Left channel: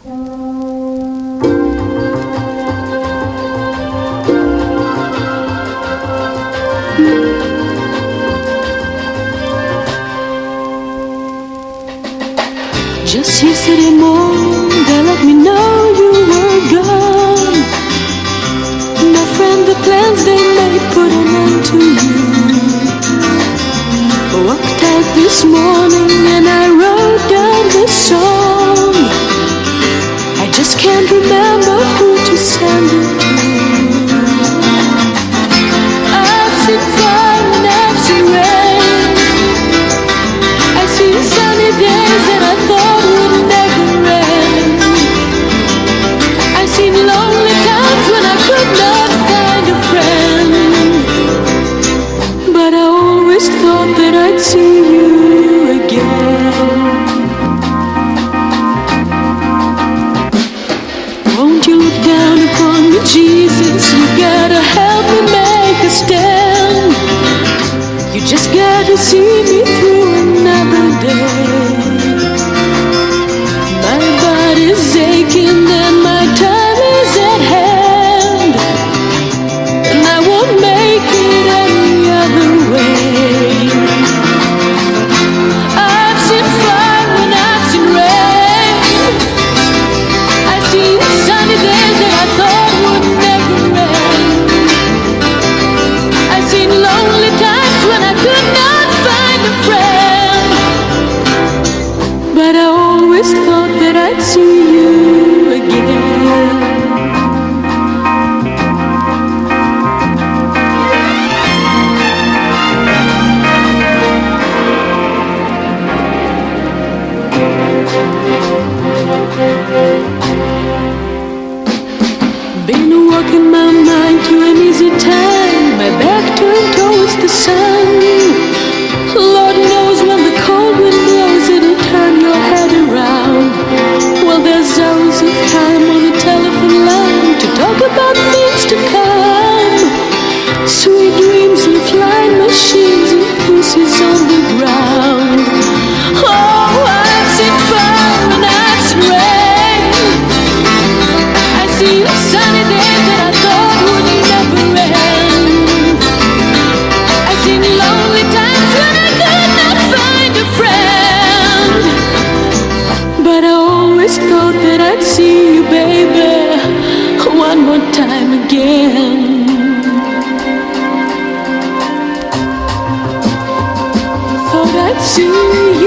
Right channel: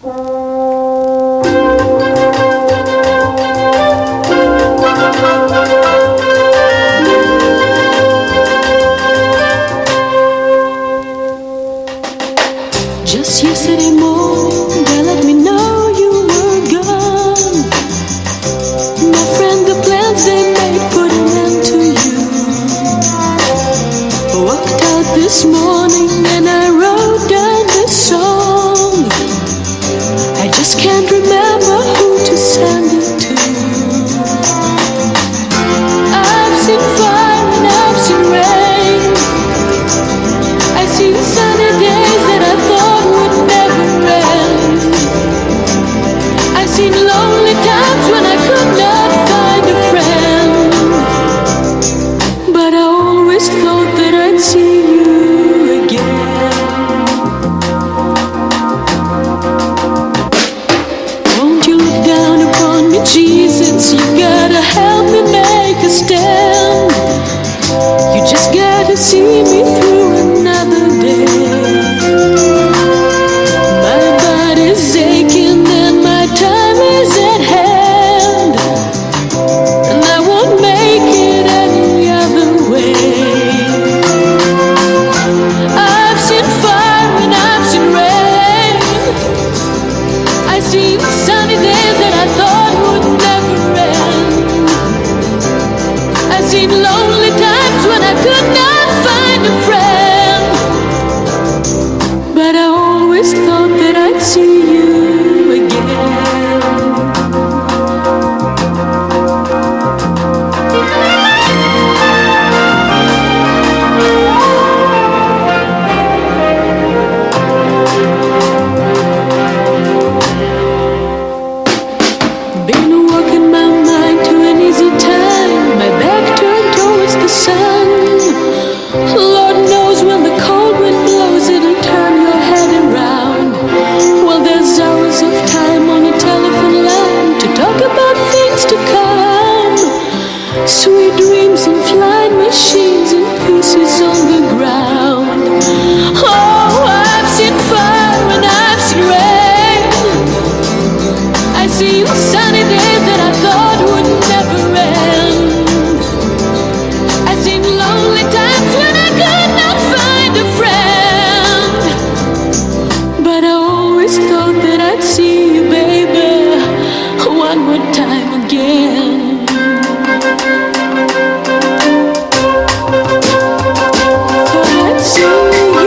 Just yesterday morning, they let me know you were gone. My friend, the plans they made put an end to you. Walked out this morning and I wrote down this song. I just can't remember who to send it to. I've seen fire and I've seen rain. I've seen sunny days that I thought would never end. I've seen lonely times when I could not find a friend. But I always thought that I'd see you again. Won't you look down upon me, Jesus? You gotta help me make a stand. You just gotta see me through another day. My body's aching and my time is at hand, and I won't make it any other way. I've seen fire and I've seen rain. I've seen sunny days that I thought would never end. I've seen lonely times when I could not find a friend. But I always thought that I'd see you again. Been walking my mind to an easy time, my back turned towards the sun. Lord knows when the cold wind blows, it'll turn your head around. Well, there's hours of time on a telephone line to talk about things to come. Sweet dreams and flying machines and pieces on the ground. Oh, I've seen fire and I've seen rain. I've seen sunny days that I thought would never end. I've seen lonely times when I could not find a friend. But I always thought that I'd see you, baby, one more time again. Thought I'd see you.